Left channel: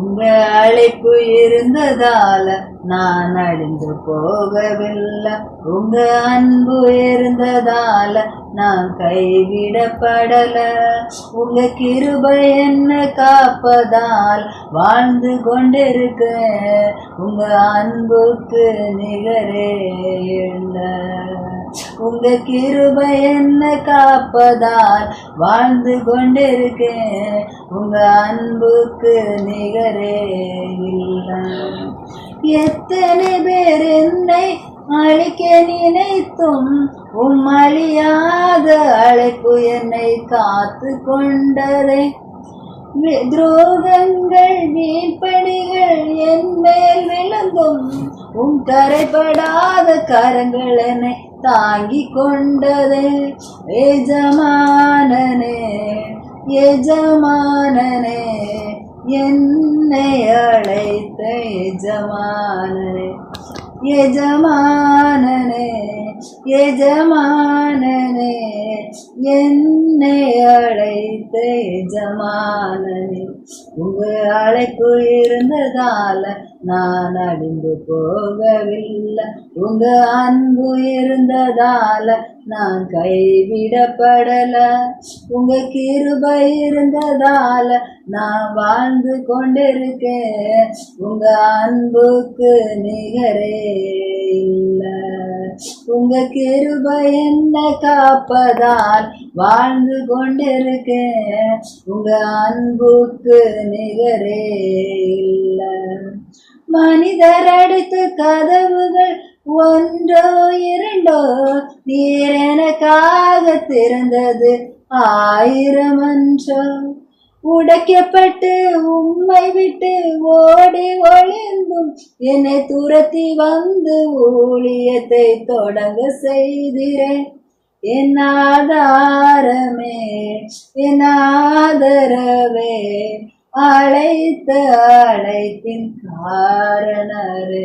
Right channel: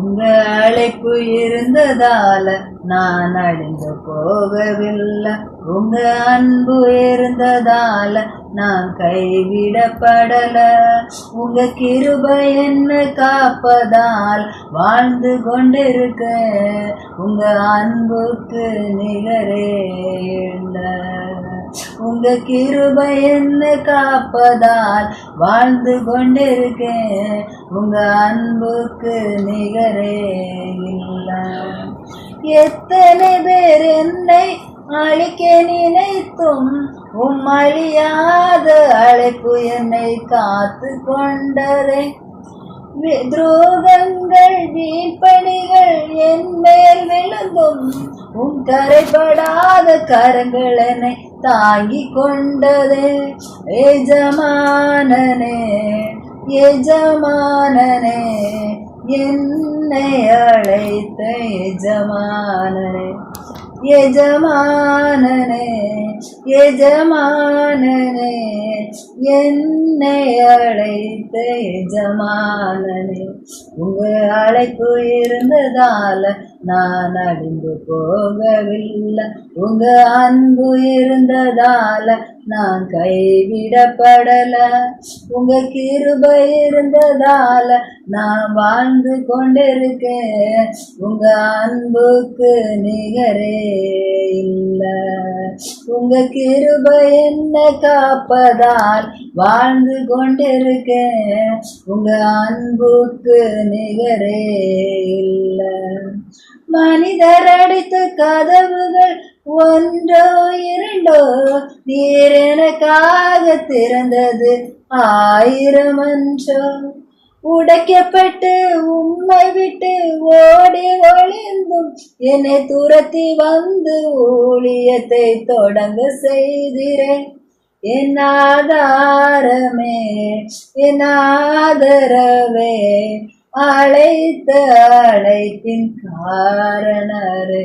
உங்க அழைப்பு இருந்ததால நான் அழிந்து போகவில்லை. உங்க அன்பு இருந்ததால நான் கைவிடப்படல. உங்க கிருபை என்ன காப்பதால் வாழ்ந்து கொண்டிருக்கேன். உங்க அன்புக்கு நிகரே இல்லை. உங்க கிருபை என்ன காப்பதால் வாழ்ந்து கொண்டிருக்கேன். உங்க அன்புக்கு நிகரே இல்லை. எத்தனை பேர் என்னை அழிக்க நினைத்தும் அழியாத அழைப்பு என்னை காத்து கொண்டதே. துரோகங்கள் வீண்பணிகள் என் மேல் விழுந்தும் கரைப்படாத கரங்கள் என்னை தாங்கி கொண்டதே. எஜமானனே எஜமானனே என்னை அழைத்த எஜமானனே. எஜமானனே எஜமானனே என்னை அழைத்த எஜமானனே. உங்க அழைப்பு இருந்ததால நான் அழிந்து போகவில்லை. உங்க அன்பு இருந்ததால நான் கைவிடப்படல. உங்க கிருபை இருந்ததால நான் வாழ்ந்து கொண்டிருக்கேன். உங்க அன்புக்கு நிகரே இல்லை. உங்க கிருபை என்ன காப்பதால் வாழ்ந்து கொண்டிருக்கேன். உங்க அன்புக்கு நிகரே இல்லை. மனிதர் அடித்த கதவுகள் ஒன்றோ இரண்டோ நீர் எனக்காக திறந்தது 1000 அன்றோ. உடைக்கப்பட்டு உம்மை விட்டு ஓடி ஒளிந்தும் என்னை துரத்தி வந்து ஊழியத்தை தொடங்க செய்திரேன். என் ஆதாரமே என் ஆதரவே அழைத்த அழைப்பின் காரணரே.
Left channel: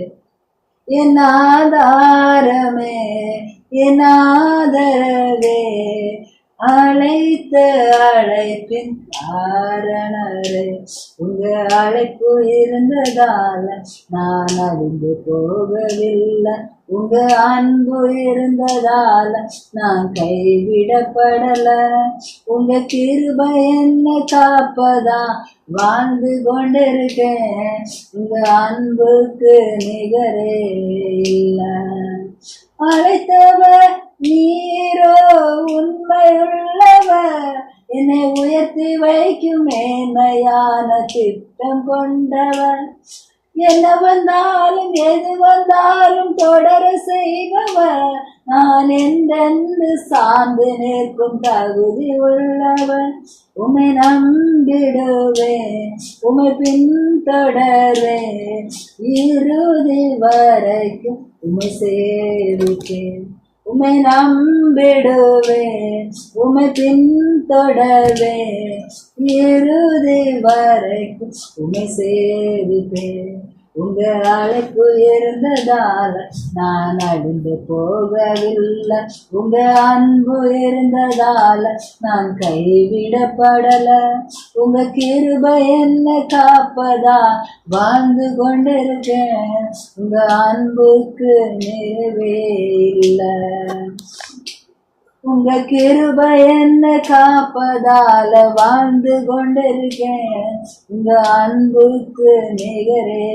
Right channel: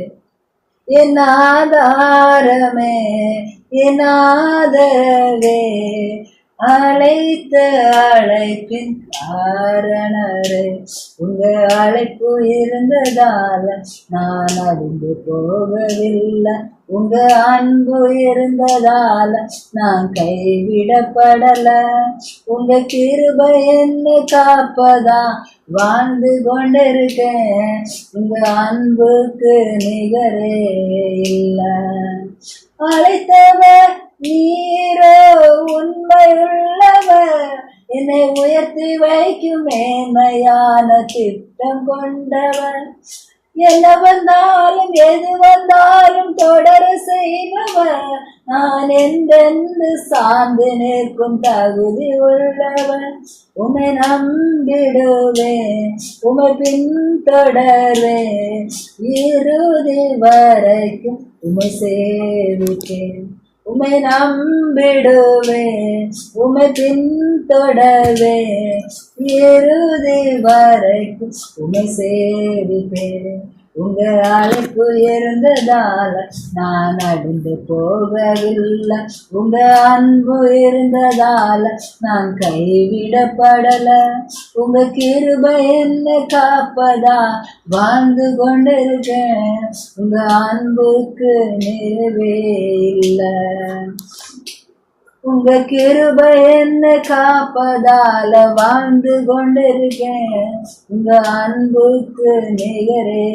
என் ஆதாரமே என் ஆதரவே அழைத்த அழைப்பின் காரணரே. உங்க அழைப்பு இருந்ததால நான் அழிந்து போகவில்லை. உங்க அன்பு இருந்ததால நான் கைவிடப்படல. உங்க கிருபை என்ன காப்பதா வாழ்ந்து கொண்டிருக்கேன். உங்க அன்புக்கு நிகரே இல்லை. அழைத்தவர் நீரோ உண்மையுள்ளவர். என்னை உயர்த்தி வைக்கும் மேன்மையான திட்டம் கொண்டவர். என்ன வந்தாலும் எது வந்தாலும் தொடர செய்பவர். நான் என்றென்று சார்ந்து நிற்கும் தகுதி உள்ளவன். உமை நம்பிடுவேன் உமை பின்தொடர்வேன். இறுதி வரைக்கும் உமை சேவிப்பேன். உமை நம்பிடுவேன் உமை பின்தொடர்வேன். இறுதி வரைக்கும் உமை சேவிப்பேன். உங்க அழைப்பு இருந்ததால நான் அழிந்து போகவில்லை. உங்க அன்பு இருந்ததால நான் கைவிடப்படல. உங்க கிருபை என்ன காப்பதா வாழ்ந்து கொண்டிருக்கேன். உங்க அன்புக்கு நிறைவே இல்லை. உங்க கிருபை என்ன காப்பதால வாழ்ந்து கொண்டிருக்கேன். உங்க அன்புக்கு நிகரே